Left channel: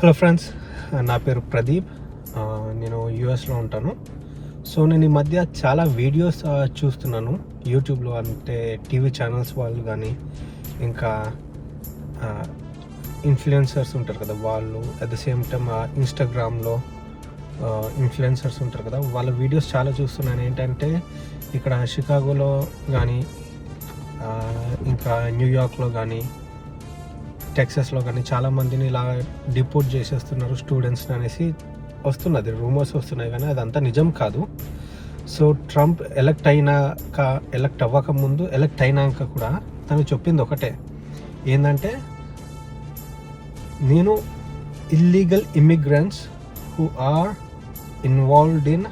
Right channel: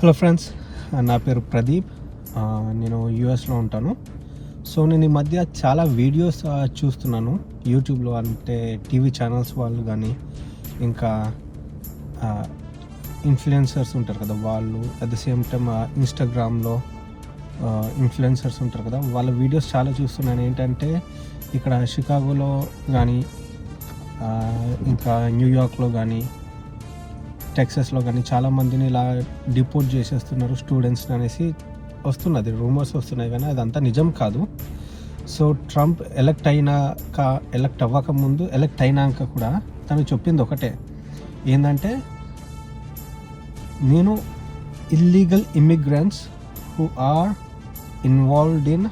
Hello friends uh, నా పేరు Pradeep. Uh, నేను యూఎస్లో ఉంటాను. సో నేను ఈ మధ్య చాలా వీడియోస్ uh, చూస్తున్నాను. యూట్యూబ్లో అంటే టీవీ ఛానల్స్ వాళ్ళు కానీ ఇంకా ఇన్ఫ్లుయెన్సర్స్ ఉంటారు కదా వాళ్ళు. అట్ ద సేమ్ టైమ్ ఇన్స్టాగ్రామ్లో ఇన్ఫ్లుయెన్సర్స్ ఉంటారు కదా. వాళ్ళ వీడియోస్ చాలా చూస్తున్నాను. ఏంటంటే ఇక్కడ షికాగోలో కానీ ఇంకా న్యూయార్క్లో కానీ టెక్సస్లో కానీ చాలామందిని ఇలా డిపోర్ట్ చేసేస్తున్నారు స్టూడెంట్స్ అనేసి. వస్తున్నది రూమర్స్ వస్తున్నాయి కానీ అదంతా నిజం కాదు. సో ట్రంప్ ఎలక్ట్ అయినాక ఎలక్ట్ అవ్వక ముందు ఎలక్ట్ అయినాక కూడా తను చెప్పింది ఒకటే. ఏంటంటే నేను illegal immigrants who are involved in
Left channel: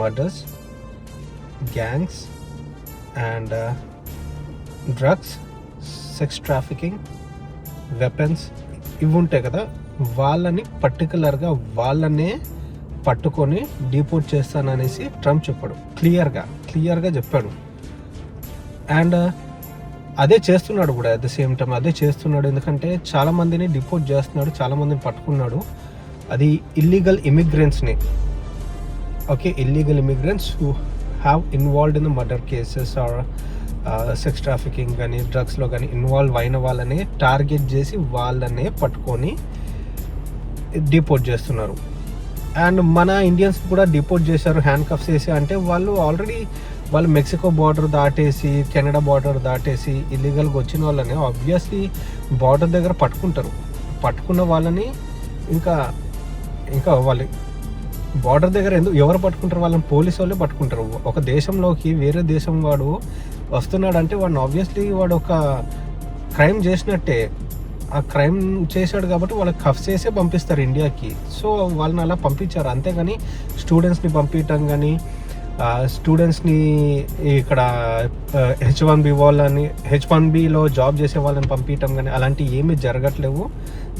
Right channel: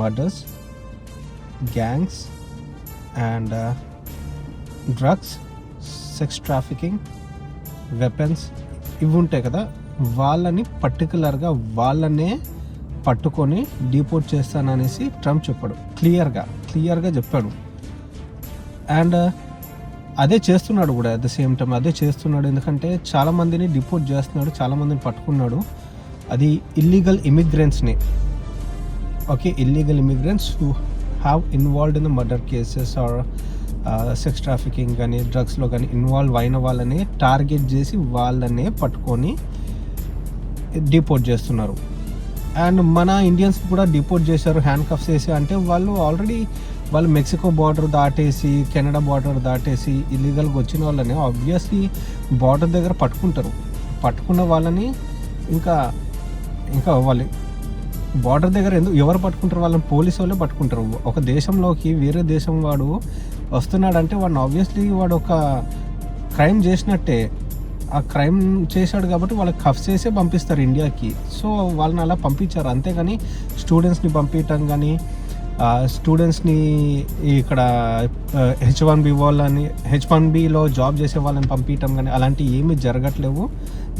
murders gangs and drugs sex trafficking weapons ఇవి ఉంటాయి కదా వాళ్ళని పర్టికులర్గా వాళ్ళనే పట్టుకొని డిపోర్ట్ చేస్తాననేసి ట్రంప్ చెప్పాడు. క్లియర్గా క్లియర్గా చెప్పాడు. అండ్ uh, అదే చేస్తున్నాడు కూడా అట్ ద సేమ్ టైం అదే చేస్తున్నాడు ఎందుకంటే చాలామందిని డిపోర్ట్ చేస్తున్నాడు చాలామందిని పట్టుకున్నాడు. అది illegal ఇమిగ్రెంట్స్ని okay illegal immigrants who have involved in the murder cases or sex trafficking కానీ డ్రగ్స్లో కానీ ఇన్వాల్వ్ అయిన వాళ్ళని టార్గెట్ చేసి వాళ్ళనే పట్టుకొని డిపోర్ట్ చేస్తున్నారు. అండ్ మన ఇండియన్స్ కూడా డిపోర్ట్ చేశారు హ్యాండ్ కఫ్స్ వేసి అంటే వాళ్ళు ఆల్రెడీ వాళ్ళు మెక్సికో బార్డర్ దాటేసి కెనడా బార్డర్ దాటేసి ఇల్లీగల్గా వచ్చిన వాళ్ళని ఆబ్వియస్లీ బార్డర్ దగ్గర పట్టుకుంటారు. పట్టుకున్న వాళ్ళని ఇంకా ఇంకా వాళ్ళు బార్డర్ దగ్గర ఎందుకు ఎవరు పట్టుకుంటారు? వాళ్ళని పోలీసు వాళ్ళే పట్టుకుంటారు. ఒక దేశంలోకి వేరే దేశం వాడు వస్తున్నాడంటే వాడిని ఆబ్వియస్లీ వాడు ఒక క్రైమ్ చేసినట్టే. ఆ క్రైమ్ చేశాడు కాబట్టి వాళ్ళకి కఫ్ చేసే పంపిస్తారు ఇండియాకి. సో వాళ్ళని అలా పంపించారు. అంతేగాని స్టూడెంట్స్ని పంపించడం కానీ స్టూడెంట్స్ని ఇక్కడ హెచ్ వన్ బి వాళ్ళని హెచ్ వన్ బిలో జాబ్ చేసే వాళ్ళని పంపించడం కానీ అలాంటివి ఏమీ జరగట్లేవు.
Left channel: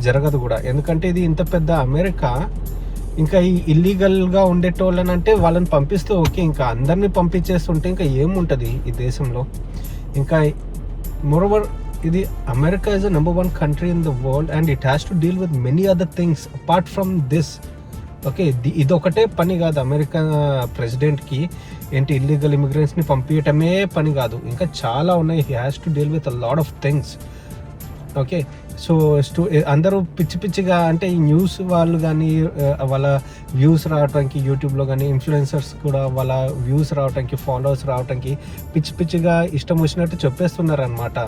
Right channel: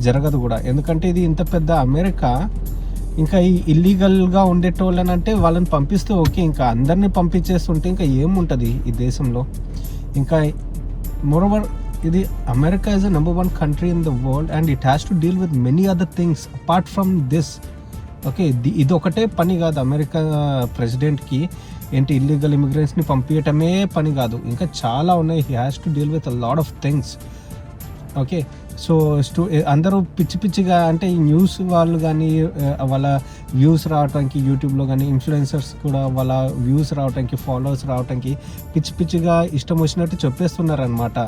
జరగదు కూడా. ఎందుకంటే ఇది ఇంత పెద్ద అమెరికా ఇంకా ఈ ఇల్లీగల్గా ఉండేటోళ్ళని అంటే వాళ్ళని పంపిస్తే ఓకే ఇంకా అందరినీ పంపించేస్తుంటే ఇంకా ఏముంటుంది ఈ దేశంలో? ఇంకా మోరోవర్ ఇది America is the number one country in the world and it has to deal with many other things apart from this okay ఇది ఒకటే పని కాదు అమెరికా ప్రెసిడెంట్కి ఏంటి ఇల్లీగల్ ఇమిగ్రెంట్స్ని పంపించటమే పని కాదు. ఇంకా చాలా ఉన్నాయి. He has to deal with a lot of things okay. So స్టూ అందరూ పిచ్చి పిచ్చిగా అంటే ఈ న్యూస్ వాళ్ళు కానీ వాళ్ళ వ్యూస్ రావడానికి యూట్యూబ్లో కానీ ఇన్ఫ్లుయెన్సర్స్ కూడా వాళ్ళ వ్యూస్ రావడానికి ఫాలోవర్స్ రావడానికి పిచ్చి పిచ్చిగా ఇష్టం వచ్చినట్టు చెప్పేస్తున్నారు అనమాట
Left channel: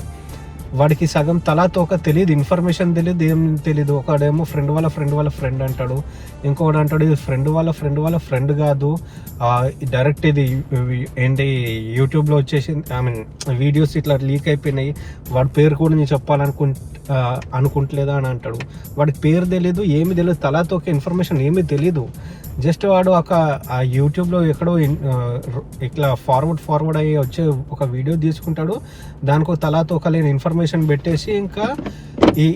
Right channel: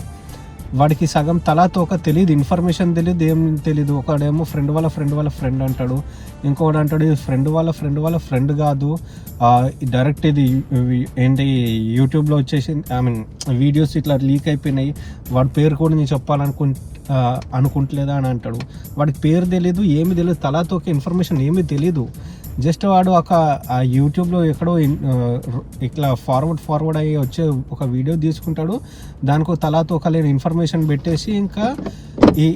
వాడికి సగం తలా తోక తెలియదు ఇన్ఫర్మేషన్ తెలియదు ఏం తెలియదు ఒకడేమో ఫ్రెండ్ వాళ్ళ ఫ్రెండ్ వాళ్ళ ఫ్రెండ్ అంటాడు ఇంకొకడు అంటాడు ఇది ఫ్రెండ్ వాళ్ళ ఫ్రెండ్ వాళ్ళ ఫ్రెండ్ కాదు. డైరెక్ట్ ఇది ఏంటి యూట్యూబ్లో వచ్చేసి ఐ మీన్ వీడియోస్ ఇట్లా లీక్ అయిపోయినాయి. వాడి పేరు కూడా నేను చెప్పాలనుకు అనుకుంటలేదా అని అంటాడు. వాడికి పేరు తెలియదు ఏమి తెలియదు తలాతో ఒక ఇన్ఫర్మేషన్ ఏమీ తెలియదు జస్ట్ వాడు ఒక ఆ యూట్యూబ్లో ఎక్కడో ఇట్లా ఫార్వర్డ్ ఫార్వర్డ్ అయ్యి వచ్చే ఒక వీడియో తీసుకుంటాడు. దానికి ఒక తలాతో ఒక లేని ఇన్ఫర్మేషన్ పెట్టేసి ఇంకా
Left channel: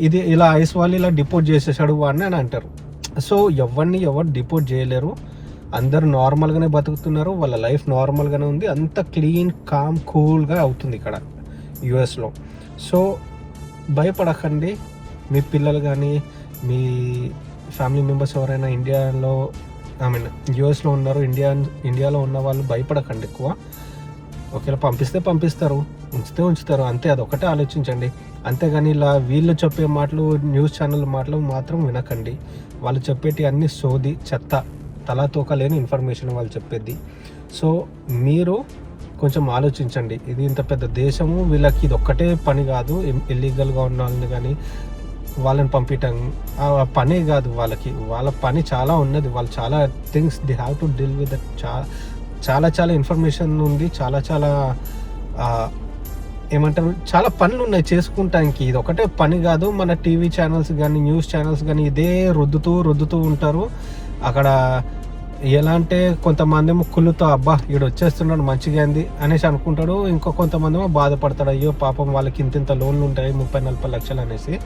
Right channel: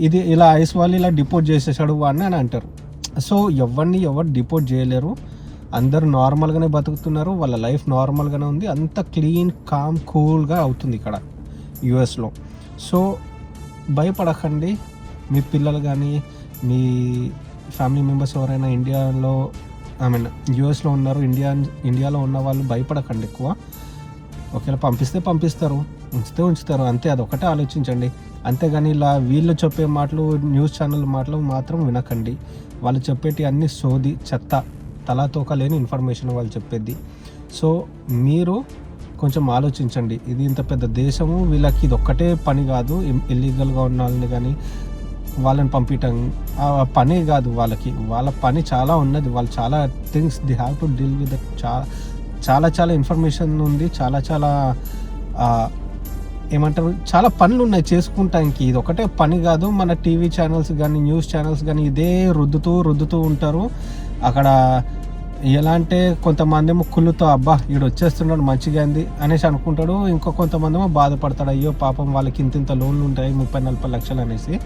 ఇది ఇలా ఐస్ వాళ్ళు ఇలా డిపోర్ట్ చేసేసాడు వాడిని అని అంటారు. సో ఎవరిని ఎవరు డిపోర్ట్ చేయలేరు. అందరూ నార్మల్గానే బతుకుతున్నారు. వాళ్ళ లైఫ్ నార్మల్గానే ఉంది. అంత క్లీన్ కామ్ కూల్గా అవుతుంది ఇక్కడ యుఎస్లో సో భయపడకండి. మీ పిల్లలు కానీ మీ ఫ్యామిలీ మెంబర్స్ ఎవరైనా ఇండియాలో ఐ మీన్ యుఎస్లో ఉన్నారు. ఇండియా ఇండియాలో ఉన్న వాళ్ళు భయపడకండి ఎక్కువ. ఒకవేళ పంపిస్తే పంపిస్తారు. ఉంచితే ఉంచుతారు. అంతే అది ఒకటే ఆలోచించండి. అంతేగాని ఇలా వీళ్ళు చెప్పే మాటలు న్యూస్ ఛానల్ మాటలు మాత్రం వినకండి. వాళ్ళు చెప్పేటి అన్ని సోది చెత్త తలాతోక లేని ఇన్ఫర్మేషన్ వాళ్ళు చెప్పేది. సో మీరు కొంచెం ఆలోచించండి. ఇది ఇంత పెద్ద దేశము వీళ్ళకి ఇది ఒక్కటే పని కాదు. ఇల్లీగల్గా ఉన్న వాళ్ళని కానీ వాళ్ళని పంపించడం ఆ పనే కాదు వాళ్ళకి. వాళ్ళ పని చాలా ఉన్నది. వాళ్ళు చాలా things they have to deal with చాలా చాలా చాలా ఇన్ఫర్మేషన్ ఉంది. చాలా చాలా ఏమంటారు? చాలా పనులు ఉన్నాయి చేసుకుంటానికి. ఇది ఒకటే పని కాదు. మన టీవీ ఛానల్స్ కానీ న్యూస్ ఛానల్స్ కానీ ఇదే రుద్దుతూ రుద్దుతూ ఉంటారు. అక్కడ ఎలా అంటే కొంతమంది ఏమో కుళ్ళుతో అబ్బా ఈడు వచ్చేస్తున్నాడు మంచిగా అయింది అనేసి అనుకుంటాడు. ఇంకో కొంతమంది ఏమో బాధపడతాడు. అయ్యో పాపం వాళ్ళకి ఇంత ఇంత లోన్లు ఉంటాయి ముప్పై నలభై లక్షలు అనేసి.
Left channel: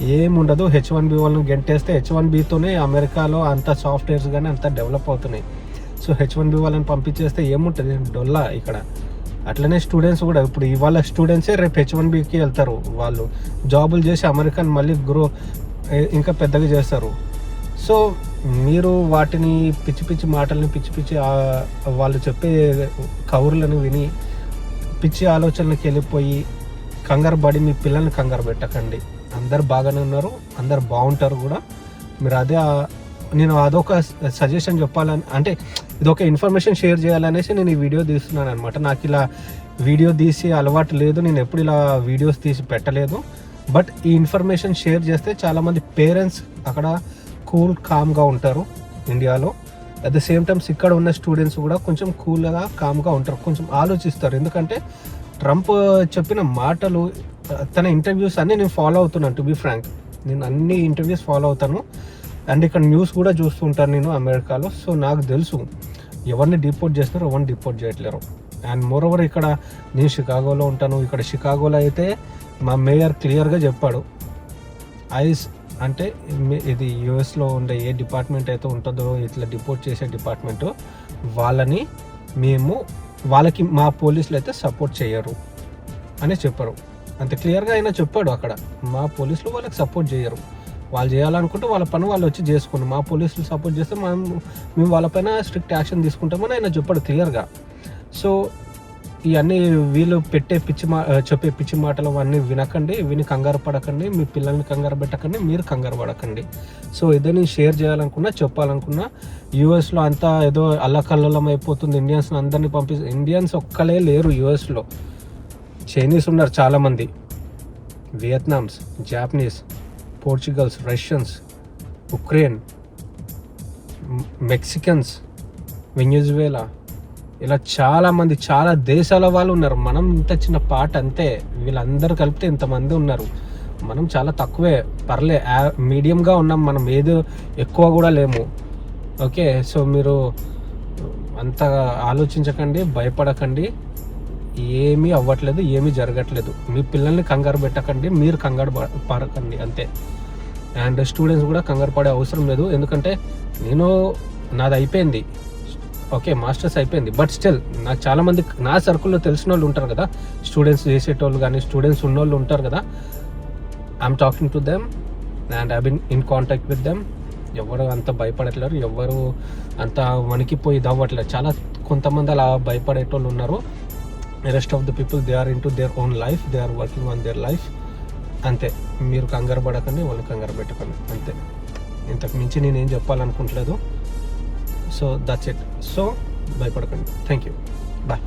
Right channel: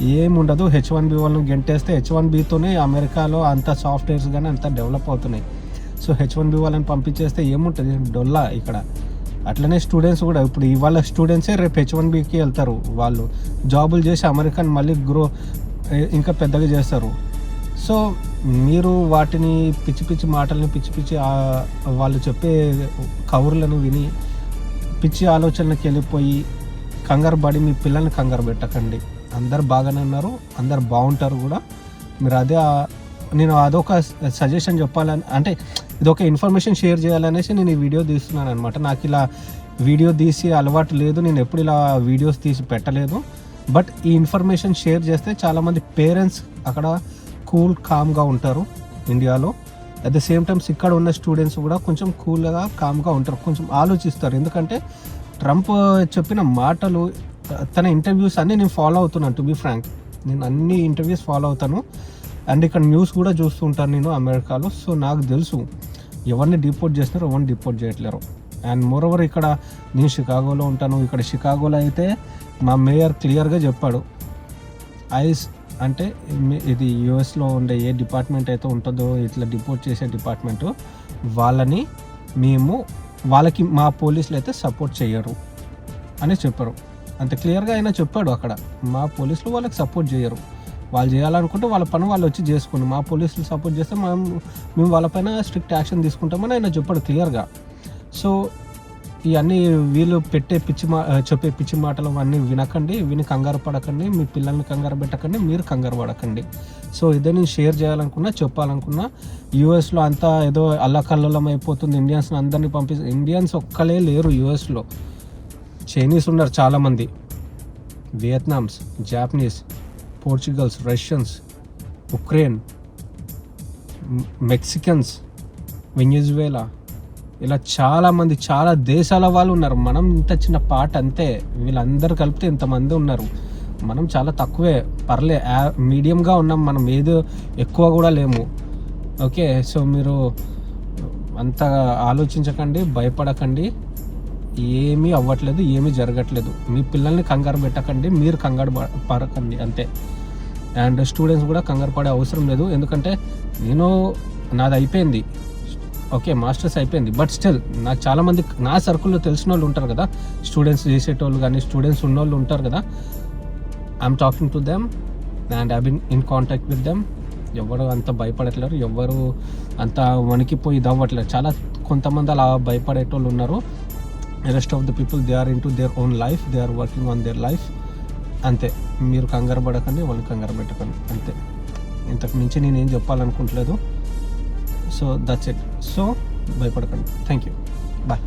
ఏముండదు హెచ్ వన్ బి వాళ్ళని గెంటేస్తే హెచ్ వన్ బితోనే అమెరికాలో అంత సాఫ్ట్వేర్స్ కానీ అంత డెవలప్ అవుతున్నాయి. సో హెచ్ వన్ బి వాళ్ళని పంపించేస్తే ఏముంటుంది? డొల్లా ఇక్కడ. అట్లనే స్టూడెంట్స్ కూడా ఇప్పుడు ఇవాళ స్టూడెంట్సే రేపు హెచ్ వన్ బికి వెళ్తారు వాళ్ళు. జాబులు చేసి అమెరికన్ మళ్ళీ గ్రో ఇంకా పెద్దగా చేస్తారు. సో మీరు వాటిని పిచ్చి పిచ్చి మాటల్ని పిచ్చి పిచ్చి వాళ్ళు చెప్పే కవుర్లను విని పిచ్చి ఆలోచనలకు వెళ్ళిపోయి కంగారు పడి మీ పిల్లల్ని కంగారు పెట్టకండి. అందరు బాగానే ఉన్నారు అందరు బాగుంటారు కూడా. మీరు అదే నేను అదొక సజెషన్ చెప్పాలని అంటే ఇదొక ఇన్ఫర్మేషన్ షేర్ చేయాలనేసి నేను ఈ వీడియో తీస్తున్నాను అనమాట నాకు ఇలా వీడియో తీసి అలవాటు లేదు నేను ఎప్పుడు ఇలా వీడియోస్ తీసి పెట్టలేదు. బట్ ఈ ఇన్ఫర్మేషన్ షేర్ చేస్తే చాలామంది పేరెంట్స్ అక్కడ కూల్ కామ్గా ఉంటారు ఇండియాలో. అట్ ద సేమ్ టైమ్స్ ఇక్కడ ఉన్న స్టూడెంట్స్ కూడా కొంచెం కూల్గా కామ్గా ఉంటారు కొంచెం ఆలోచిస్తారు. ఎందుకంటే ట్రంప్ చెప్పిన మాటలు తన ఇంటర్వ్యూస్ అన్ని నేను ఫాలో అవుతున్నాను టు బి ఫ్రాంక్ నేను అన్ని ఇంటర్వ్యూస్ ఫాలో అవుతాను. అండ్ ఇక్కడ న్యూస్ కూడా చూస్తుంటాను నేను అమెరికాలో. సో నాకు తెలుసు ఎవరిని డిపోర్ట్ చేస్తున్నారు ఎవరిని డిపోర్ట్ చేయట్లేరు. అండ్ మోర్ ఓవర్ ఇక్కడ నేను షికాగోలో ఉంటాను. ఇక్కడ షికాగోలో అయితే మా మేయర్ క్లియర్గా చెప్పాడు. ఐస్ అంటే ఇది యుఎస్లో ఉండే ఏ డిపార్ట్మెంట్ అయితే ఉంటుందో ఇట్లా డిపోర్ట్ చేసే డిపార్ట్మెంట్ వాళ్ళని మేము వాళ్ళకి మా పోలీసులు అయితే సపోర్ట్ చేయరు అని చెప్పారు. అంత క్లియర్గా అయినా చెప్పాడు అక్కడ. మా పోలీసులు వాళ్ళకి సపోర్ట్ చేయరు. వాళ్ళు చేయాలనుకుంటే వాళ్ళ పని వాళ్ళు వచ్చి చేసుకుని మా పోలీసులు సపోర్ట్ చేస్తే మనం మేము వాళ్ళపైన స్ట్రిక్ట్ యాక్షన్ తీసుకుంటామని ఆయన చెప్పాడు క్లియర్గా. సో ఇవన్నీ వీళ్ళు పెట్టే పిచ్చి మా చెప్పే పిచ్చి మాటలు అవన్నీ వినకండి. విని కంగారు పడకండి. మీ పిల్లల్ని కంగారు పెట్టకండి. మీరు కంగారు పడకండి. సో ఇదే నేను షేర్ చేయాలనుకున్నా చెప్పాలనుకున్నా యూఎస్లో అంతా ఏదో అల్లకల్లోలం అయిపోతుంది. ఇండియన్స్ అందరినీ పంపి ఇండియన్స్ ఒక్కలే లేరు యూఎస్లో. చైనీస్ ఉన్నారు చాలామంది. Vietnams Japanese Portugals Russians Ukraine Mexicans Venezuela ఇలా చాలామంది చాలా దేశాల వాళ్ళు ఉన్నారు. మనం ఇంత చిన్న పాట అంతే. వీళ్ళందరూ కలిపితే ఇంతమంది ఉన్నారు. మనం చాలా తక్కువే. పర్లే మీడియంగా ఉన్నాం. మనం ఏదో ఎక్కువ కూడా లేము. ఓకే సో మీరు అంత ఆలోచించకండి భయపడకండి. ఏమీ అవ్వట్లేదు ఏమీ జరగట్లేదు. మీ పిల్లల్ని కంగారు పెట్టకండి మీరు కంగారు పడకండి అంతే. అండ్ స్టూడెంట్స్ కూడా కంగారు పడే అవసరం లేదు. ఎందుకంటే నేను నాది అయిపోయింది. ఓకే మాస్టర్స్ అయిపోయింది. బట్ స్టిల్ నాకు చాలామంది నా సర్కిల్లో తెలిసిన వాళ్ళు ఉంటారు కదా. స్టూడెంట్స్ చేసేటోళ్ళు కానీ స్టూడెంట్స్ ఉన్నోళ్ళు ఉంటారు కదా. I'm talking to them and I been in contact with them ఎవరు అంత భయపడట్లేరు ఎవరు అంత వణికిపోయి దవ్వట్లేదు చాలా కొంతమంది అలా భయపడేటోళ్ళు ఉన్నారు. Rest of the people they are in to their own life they are working on their life అంతే. మీరు కంగారు పడకండి వాళ్ళు కంగారు పెట్టుకోండి. అంతే. ఇంతకు మించి నేను ఏం చెప్పాలనుకుంటలేదు. సో దట్స్ ఇట్ సో భయపడకండి. Thank you bye